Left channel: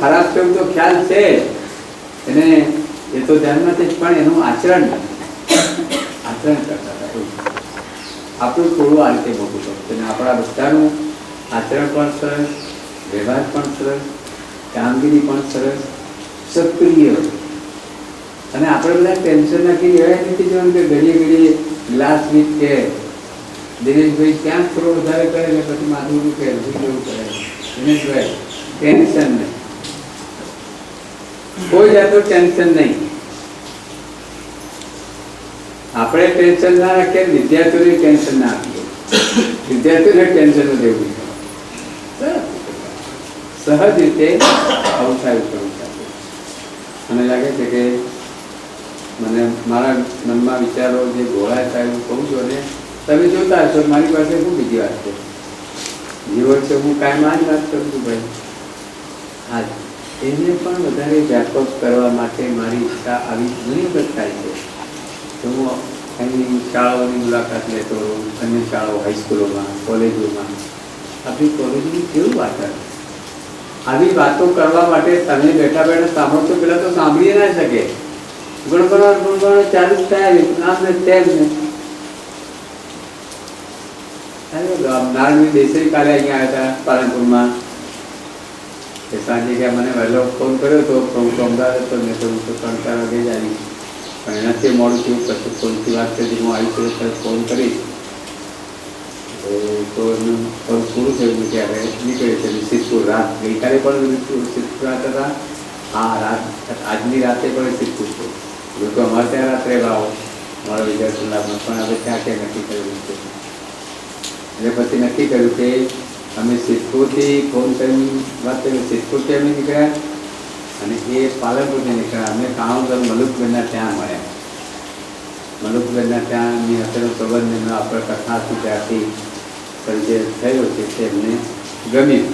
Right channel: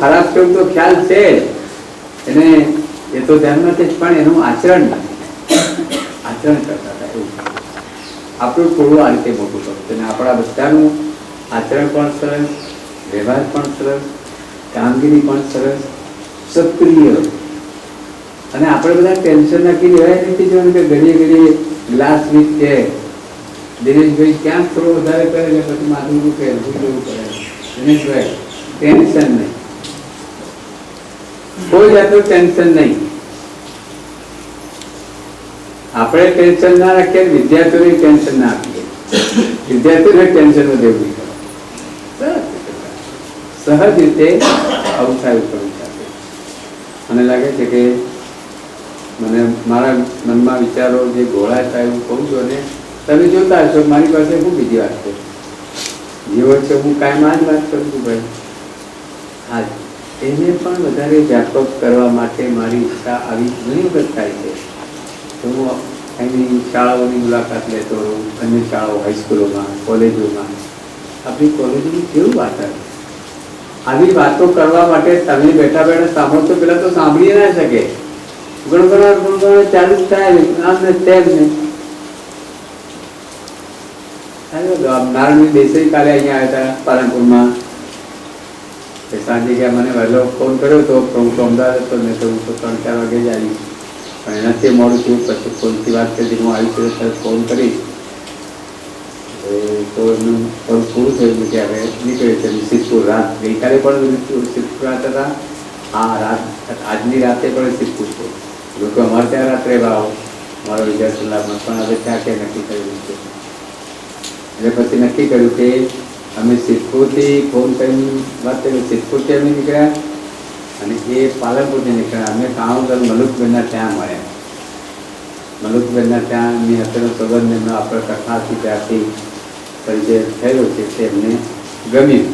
ખરાબ છે એવું તો ખ્યાલ છે એને, એ તો ધ્યાન નથી, પણ એનું આચરણ નથી, આચરણ કરતા હતા એવું. આપણું થોડું આ રીતે મોટું કરવું અને આપણા બધાનું આચરણ પણ સરસ, વ્યવહાર પણ સરસ, કામગીરી પણ સરસ, સક્રિય. અને આપણે બધા ટેન્શન નાખી રહેવાય નથી જોવાનું કે ઘડીએ ઘડીએ ગ્લાસ વીક કે દિનેશભાઈ ક્યાંક થોડો વધારે કરે ને પછી માથું દુખે એવું કરે. દિનેશભાઈ ટેન્શન નહીં, કોઈ જાતનું ટેન્શન નહીં. આપણે ટેન્શન ના રાખીએ, વિદ્યાર્થીઓને ટેન્શન ના આપીએ, વિદ્યાર્થીઓને ટેન્શન દેવું સહજ રીતે અવસાય કરવું સાથે. મને લાગે છે કે મને મારા મનમાં વિચારો જે ઘોળાય થાય હું કહું છું, અને તમે જોતા હશો મારી પાસે શું બીજી વાત છે, જીવો છે હું કાયમ આ જ વાત કરું છું ભાઈ. હા, એને પણ વધારે વ્યાપક કરવા માટે મારી ઈચ્છા આવી ઘણી વખત થાય છે. તો હું અહીંની શાળાઓની મુલાકાત લેતો રહું, અન્ય શાળાઓ, હાઈસ્કૂલોમાં, કોલેજોમાં. આપણી કોલેજોની કેવું વાતાવરણ, આવી વાતો કરવા માટે તમે બેઠા બેઠા સાંભળો તો પેલા તો સાંભળી ના શકે, ગુણગણ ચાલુ જ થાય આમ ને તેમ ને. નારાયણ દેસાઈ કાલે અહીંયા આવ્યા હતા પાલનપુરમાં, સાંજે ગયા મને વહેલો ફોન કર્યો હતો, હું તો અમદાવાદ હતો ને તો હું તો 3-4 વાગે જ આવી, પણ એનાથી મોડું થયું. પછી ફોનથી વાત કરી, હું આવી છું ત્યારે ફોન કરીશ તો એનું ફોન પૂરું થયું કે હવે નીકળે છે સિદ્ધપુર રાત. ગઈકાલે પણ સિદ્ધપુર રાત હતા, આ રાત આજની રાતે પણ સિદ્ધપુર છે. લોકો અમારે ત્યાં રાત્રે ભાવ મારો વિદ્યાર્થી લાભમાં પણ હવે ત્યાં ક્યાં નક્કી કર્યું છે. એટલે પછી નક્કી કર્યું કે અમે સિદ્ધપુરથી ફોન કરીને વાત કરી, સિદ્ધપુરથી અમે નીકળ્યા અને એ પાલનપુરથી નીકળ્યા. અમે કાણોદર મલુકબેનના ત્યાં મળ્યા. મલુકબેનના ત્યાં એમની હસ્તેનો સંબંધ એમનો આપણે કથાથી ત્યારથી પરિચય થયો છે તે એમને ગમ્યું.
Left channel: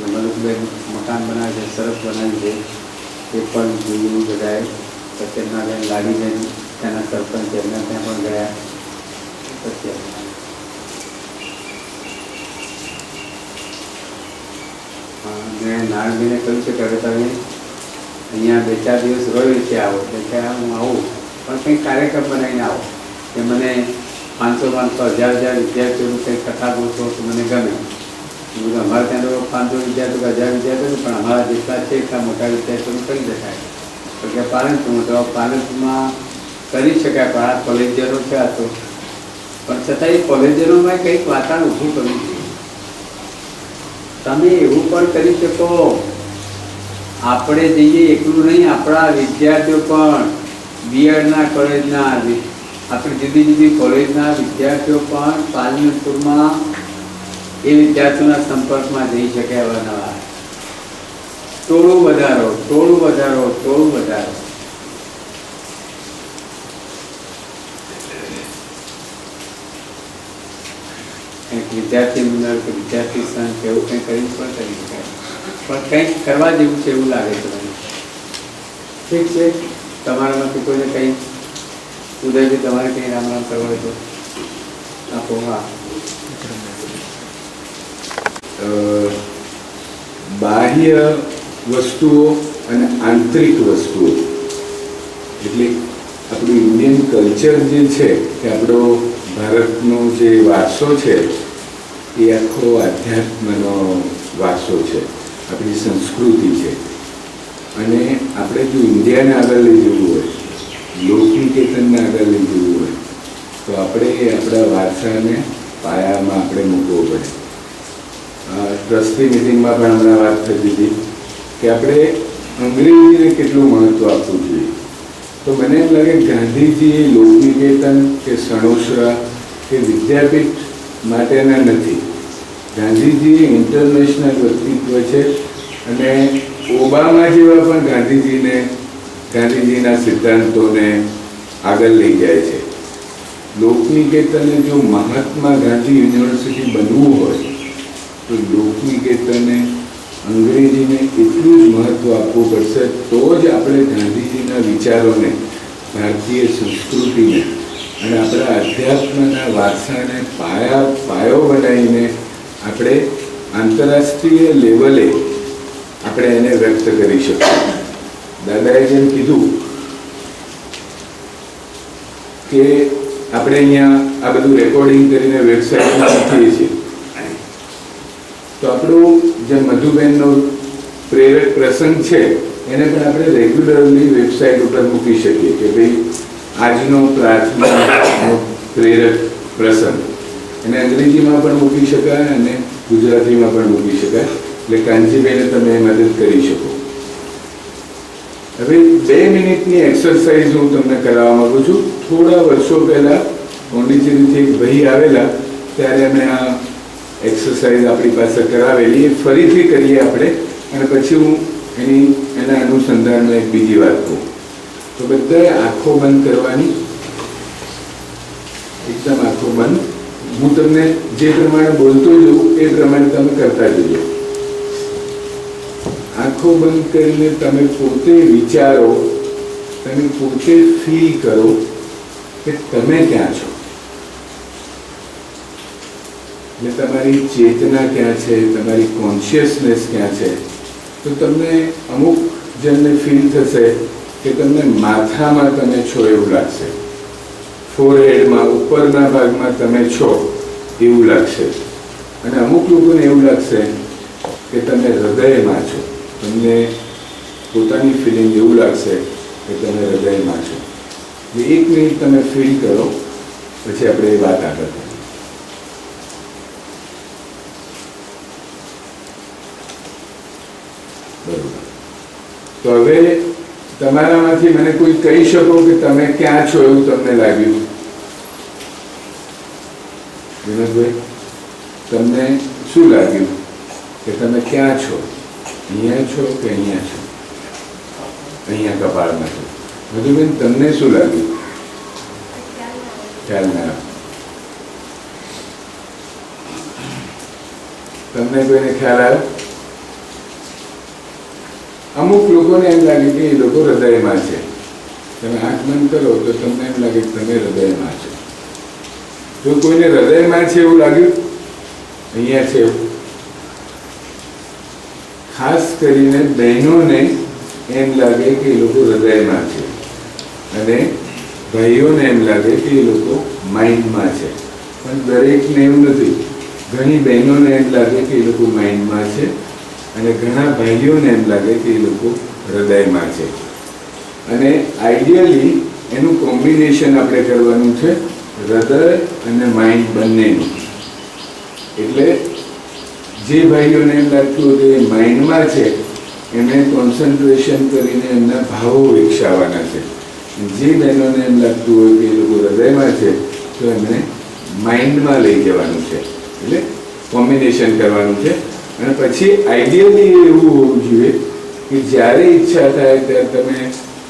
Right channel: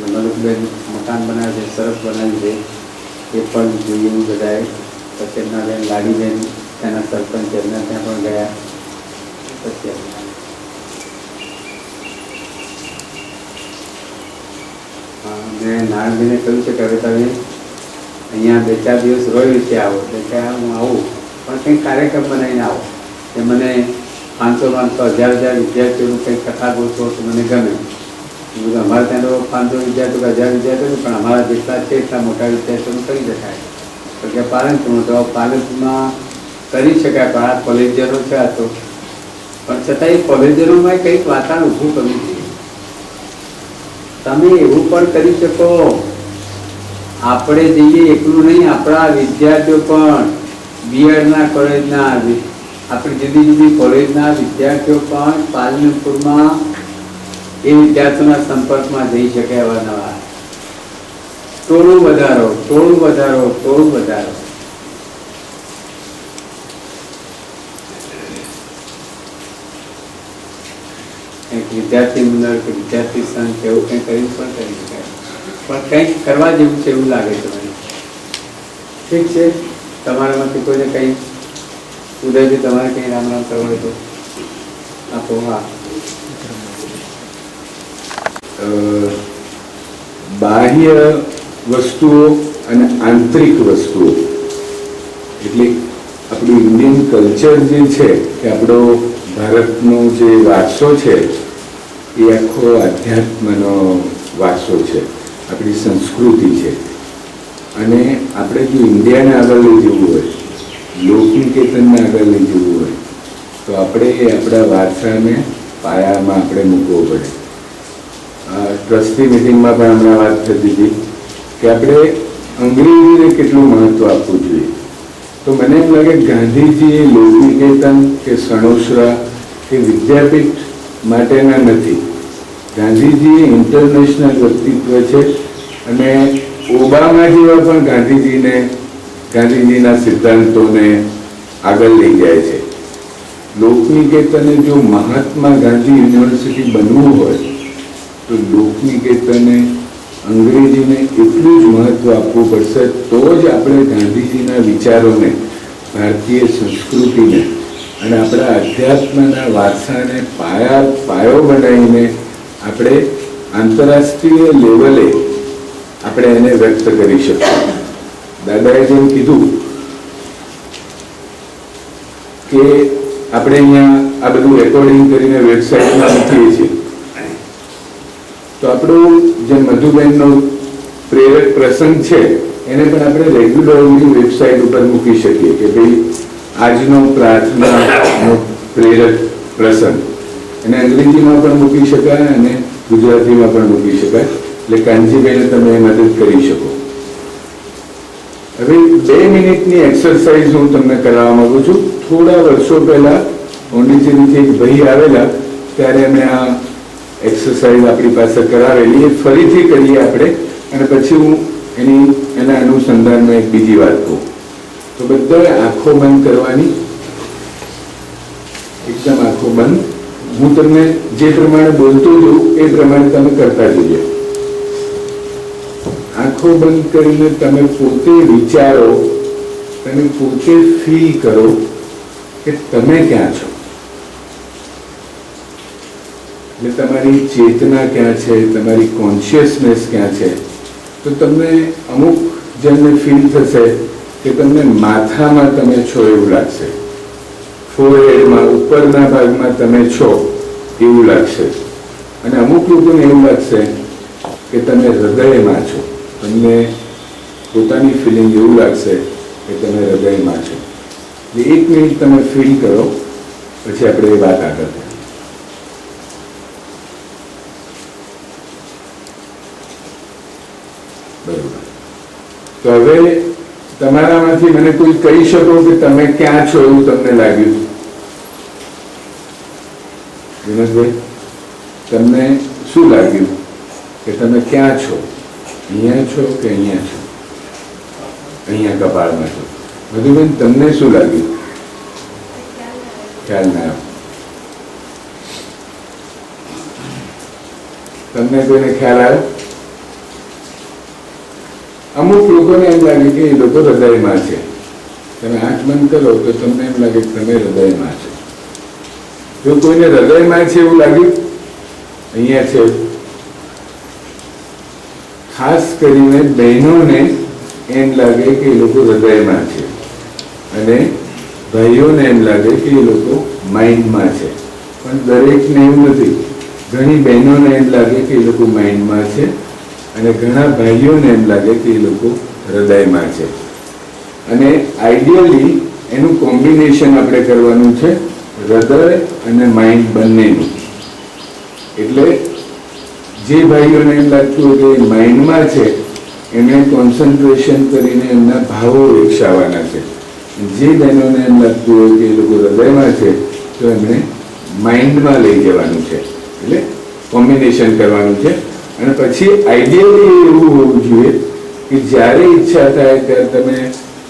મલુકબેન મકાન બનાવે છે, સરસ બનાવ્યું છે, એ પણ જોયું બધાએ. પછી એમના બેન લાડીબેન ત્યાંના સરપંચ એમના ત્યાં પણ ગયા. પછી મેં નારાયણભાઈને કહ્યું છે કે હવે તમે અહીંયા 2-4 દિવસ રોય છે આવો, એટલે કે હું આવું પણ કંઈક કાર્યક્રમ બનાવીને આવો. કે મને 500-500 1000 વિદ્યાર્થીઓનું કંઈક કથા ગોઠવો તો મને ગમે. અમારે ત્યાં તો 500 વિદ્યાર્થીઓ 1000 વિદ્યાર્થીઓ પણ અમારા જેટલા છે એટલા મોટા વિદ્યાર્થીઓનું કરી શકાય. તો કે પાલનપુરમાં તો પાલનપુરમાં કરી શકાય, પણ આ કોલેજનો છે આ તો, પણ છતાં એ કોલેજનોમાં કંઈક વાતાવરણ ઊભું કરવું જોઈએ. તમે એવું પણ કરી શકો, આપણે જઈએ એકલું નહીં, આપણા વિદ્યાર્થીઓ પણ બીએડના કોલેજના, આપણી જુદી જુદી કોલેજના વિદ્યાર્થીઓ પણ પાલનપુરમાં એ વિદ્યાર્થીઓના સંપર્કમાં જઈ શકે. અવારનવાર ટોળું વધારો, ટોળું વધારો, ટોળું વધારો. કંઈક વિદ્યાર્થી મંડળ કે વિદ્યાર્થી સંઘ કે એવું કંઈક કરી પણ કરી શકાય, પણ કંઈક કરવા જેવું છે એવું લાગે છે મને. ઠીક છે, તમારામાંથી કોઈને કંઈ ઉદયથી તમારે કંઈ રામ રામ કરવો હોય તો આપો. હા, બાહ્ય વસ્તુઓ અને આંતરિક વસ્તુઓ એટલે આપણું ઇન્ડિયન કલ્ચર જે છે કે આપણો ભારતનો જે વારસો છે એ આખો આધ્યાત્મનો વારસો છે, આપણી સંસ્કૃતિ છે. અને આપણે જો ઇન્ડિયાને આગળ લઈ જવું હોય, લોકનિકેતનને આગળ લઈ જવું હોય તો આપણે આપણા વારસાને પાયામાં આપણે મૂકવો પડે. ટ્રસ્ટી મિટિંગમાં પણ હમણાં વાત થતી હતી કે આપણે અંગ્રેજીને કેટલું મહત્ત્વ આપવું જોઈએ. તો મને એમ લાગે ગાંધીજી લોકનિકેતન કે સણોસરા કે વિદ્યાપીઠ માટેના નથી. ગાંધીજી ઇન્ટરનેશનલ વ્યક્તિત્વ છે અને ઓબામા જેવા પણ ગાંધીજીના સિદ્ધાંતોને આગળ લઈ જાય છે. લોકનિકેતને જો મહાત્મા ગાંધી યુનિવર્સિટી બનવું હોય તો લોકનિકેતને અંગ્રેજીને એટલું જ મહત્ત્વ આપવું પડશે. તો જ આપણે ગાંધીજીના વિચારોને, ભારતીય સંસ્કૃતિને અને આપણા અધ્યાત્મના વારસાને પાયો બનાવીને આપણે આંતરરાષ્ટ્રીય લેવલે આપણે એને વ્યક્ત કરી શકીએ. દાદાએ જેમ કીધું કે આપણે અહીંયા આ બધું રેકોર્ડિંગ કરીને વેબસાઇટમાં મૂકીએ છીએ, તો આપણું જે મધુબેનનો પ્રેરક પ્રસંગ છે એને પણ આપણે રેગ્યુલરલી વેબસાઇટ ઉપર મૂકી શકીએ કે ભાઈ આજનો પ્રાર્થનાનો પ્રેરક પ્રસંગ. એને અંગ્રેજીમાં પણ મૂકી શકાય અને ગુજરાતીમાં પણ મૂકી શકાય. એટલે કાનજીભાઈને તમે મદદ કરી શકો. હવે 2 મિનિટની એક્સરસાઇઝ હું તમને કરાવવા માંગુ છું. થોડા વર્ષો પહેલા પોંડિચેરીથી એક ભાઈ આવેલા ત્યારે અમે આ એક્સરસાઇઝ આપણી પાસે કરાવેલી. એ ફરીથી કરીએ આપણે, અને પછી હું એના અનુસંધાનમાં એક બીજી વાત કહું. તો બધાએ આંખો બંધ કરવાની, એકદમ આંખો બંધ. હું તમને જે પ્રમાણે બોલતો જાઉં એ પ્રમાણે તમે કરતા જજો. આંખો બંધ કરીને તમે પોતે વિચારો, તમે પોતે ફીલ કરો કે તમે ક્યાં છો. એટલે તમારી ચેતના ક્યાં છે, તમારી કોન્શિયસનેસ ક્યાં છે. તો તમને અમુક જણને ફીલ થશે કે તમને માથામાં તમે છો એવું લાગશે, ફોરહેડમાં ઉપરના ભાગમાં તમે છો એવું લાગશે, અને અમુક લોકોને એવું લાગશે કે તમે હૃદયમાં છો. તમને પોતાની ફિલિંગ એવું લાગશે કે તમે હૃદયમાં છો. એટલે 1 મિનિટ તમે ફીલ કરો, પછી આપણે એ વાત આગળ કરીએ. બરોબર. તો હવે તમારામાંથી મને કોઈ કહી શકો કે તમે ક્યાં છો એવું તમને લાગ્યું? વિનોદભાઈ, તમને શું લાગ્યું કે તમે ક્યાં છો? અહીંયા છો કે અહીંયા છો? અહીંયા કપાળમાં છો. મધુબેન, તમને શું લાગ્યું? ખ્યાલ ના આવ્યો. તમને કોઈને ખ્યાલ આવ્યો? અમુક લોકોને એમ લાગે કે એ લોકો હૃદયમાં છે. તમે આંખ બંધ કરો તો તમને એમ લાગે કે તમે હૃદયમાં છો. જો કોઈને હૃદયમાં છે એવું લાગ્યું, અહીંયા છે, ખાસ કરીને બહેનોને એમ લાગે કે એ લોકો હૃદયમાં છે, અને ભાઈઓને એમ લાગે કે એ લોકો માઇન્ડમાં છે. પણ દરેકને એવું નથી. ઘણી બહેનોને એમ લાગે કે એ લોકો માઇન્ડમાં છે, અને ઘણા ભાઈઓને એમ લાગે કે એ લોકો હૃદયમાં છે. અને આઈડિયલી એનું કોમ્બિનેશન આપણે કરવાનું છે, હૃદય અને માઇન્ડ બંનેનું. એટલે જે ભાઈઓને એમ લાગતું હોય કે એ માઇન્ડમાં છે, એમણે કોન્સન્ટ્રેશન કરીને એમના ભાવો વિકસાવવાના છે. જે બહેનોને એમ લાગતું હોય કે એ લોકો હૃદયમાં છે, તો એમણે માઇન્ડમાં લઈ જવાનું છે. એટલે કોમ્બિનેશન કરવાનું છે. અને પછી આઈડિયલી એવું હોવું જોઈએ કે જ્યારે ઈચ્છા થાય ત્યારે તમે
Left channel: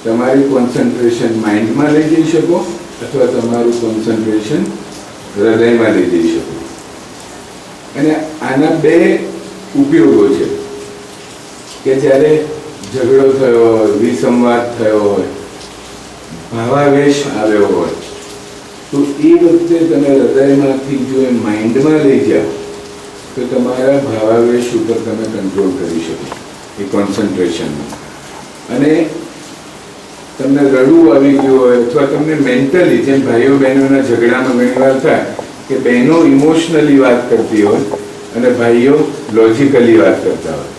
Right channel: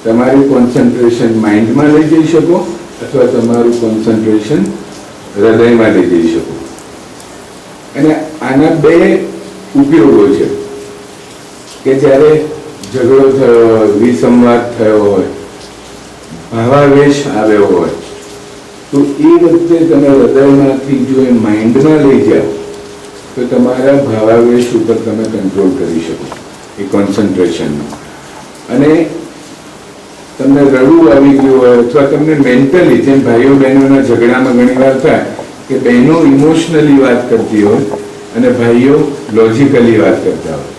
તમારું કોન્સન્ટ્રેશન માઇન્ડમાં લઈ જઈ શકો, અથવા તમારું કોન્સન્ટ્રેશન હૃદયમાં લઈ જઈ શકો. અને આના 2 ઉપયોગો છે કે જ્યારે ઝઘડો થયો હોય, વિસંવાદ થયો હોય, ભાવાવેશ આવ્યો હોય, તો એ વખતે તમે હૃદયમાંથી જો એ માઇન્ડમાં લઈ જાઓ તો તમારા ભાવાવેશ ઉપર તમે કંટ્રોલ કરી શકો એ કોન્સન્ટ્રેશનમાં. અને તમને રડવું આવી ગયું હોય, અથવા તમને મેન્ટલી, જેમ ભાઈઓ બહેનોના ઝઘડામાં ઘણીવાર થાય કે બહેનો ઇમોશનલી વાત કરતી હોય અને ભાઈઓ લોજિકલી વાત કરતા હોય,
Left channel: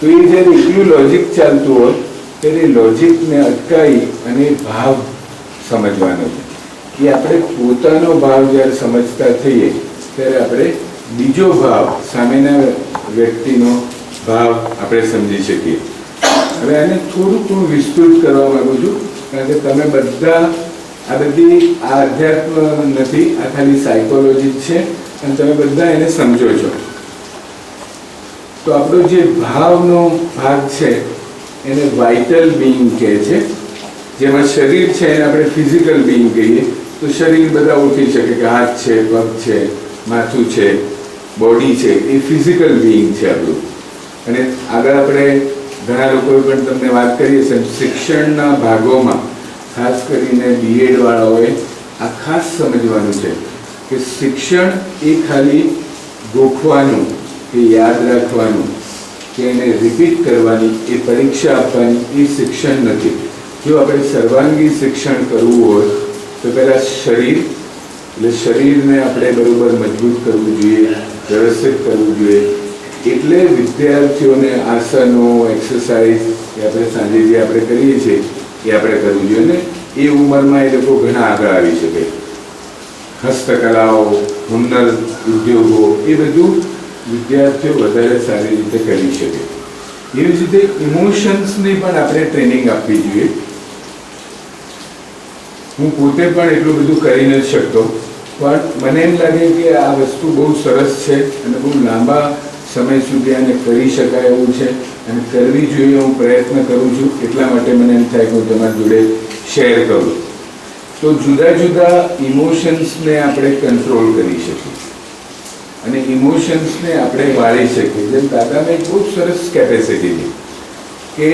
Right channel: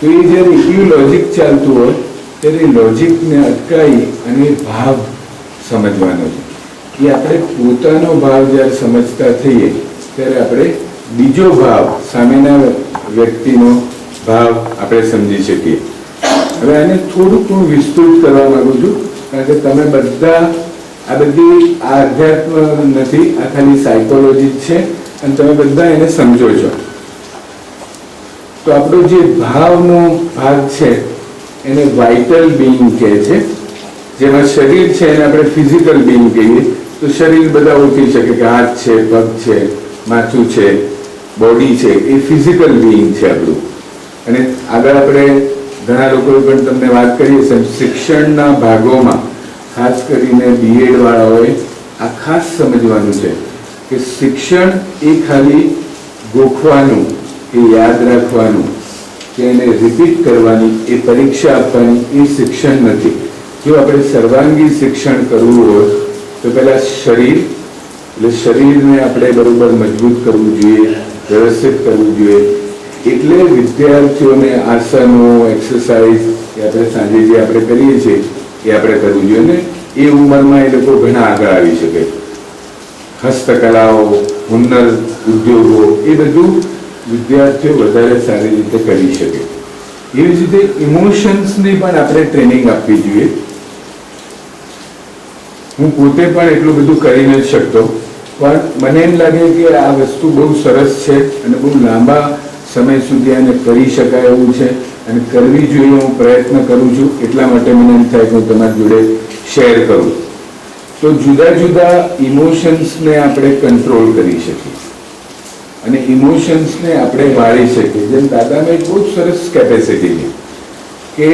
તો એ જ્યારે એટલું લોજિક ચાલતું હોય ત્યારે લોજિકને અટકાવી અને ભાવ સમજવાનો છે. એ આપણે પોતાનો ભાવ જ્યારે સમજતા થઈએ ત્યારે આપણે બીજો ભાવ, સામેના વ્યક્તિનો ભાવ આપણે સમજી શકીએ. હવે આને થોડુંક હું વિસ્તૃત કરવા માંગુ છું, કારણ કે તમે બધા આ અધ્યાત્મ નથી, આ ખાલી સાયકોલોજી છે, અને તમે બધા એને સમજો છો. તો આપણો જે ભાવનો ભાગ છે એને વાઇટલ બિંગ કહે છે. જેમાં શરીર છે એને આપણે ફિઝિકલ બિંગ કહીએ. તો શરીર બધા ઓળખી શકે કે હાથ છે, પગ છે, માથું છે, બોડી છે, એ ફિઝિકલ બિંગ છે આપણું. અને આગળ આપણે ઘણા લોકોએ પણ તમને વાત કરીએ છે, શિક્ષણના ભાગોમાં ખાસ કરીને BEd વાળાઓએ આ ખાસ સમજવાનું છે કે શિક્ષણ એ ખાલી ગોખવાનું કે યાદ રાખવાનું કે કે એને રિપીટ કરવાની, એ પરીક્ષા આપવાની, એ શિક્ષણ નથી. જો આપણે સર્વાંગી શિક્ષણ કરવું હોય તો પહેલાં શરીર, એટલે શરીરને આપણે બરોબર મજબૂત કરવું જોઈએ, વ્યવસ્થિત કરવું જોઈએ. એટલે વિદ્યાર્થીઓને આસનો, એક્સરસાઇઝ એ આપણે સાંજે જે આપણે કરીએ છીએ એ આપણે કરવું જોઈએ. અને એ ઉંમરમાં એ લોકો ઘણા આગળ આવી શકે. હસ્તકલાઓ, હુનર ઉદ્યોગો, એ બધું વિદ્યાર્થીઓ વધારે સારી રીતે કરી શકે. એવી જ રીતે ઇમોશન્સની પણ આપણે ટ્રેનિંગ આપવી જોઈએ. હું પોતે પણ એટલું બધું કરી નથી શકતો, પણ મને એમ લાગે કે આ વસ્તુ બહુ સરસ છે અને બહુ લાંબા સમય સુધી આને કરી શકાય એવું છે અને કરવી જોઈએ. હું પ્રયત્ન કરું છું, એટલા માટે મને એમ થાય કે હું તમારી જોડે શેર કરું. તો જુદા જુદા ઇમોશન્સને આપણે કંટ્રોલ કરી શકીએ અને ઇમોશન્સને આપણે વાળી શકીએ. જેમ દાદામાં એક બહુ સરસ કેપેસિટી છે કે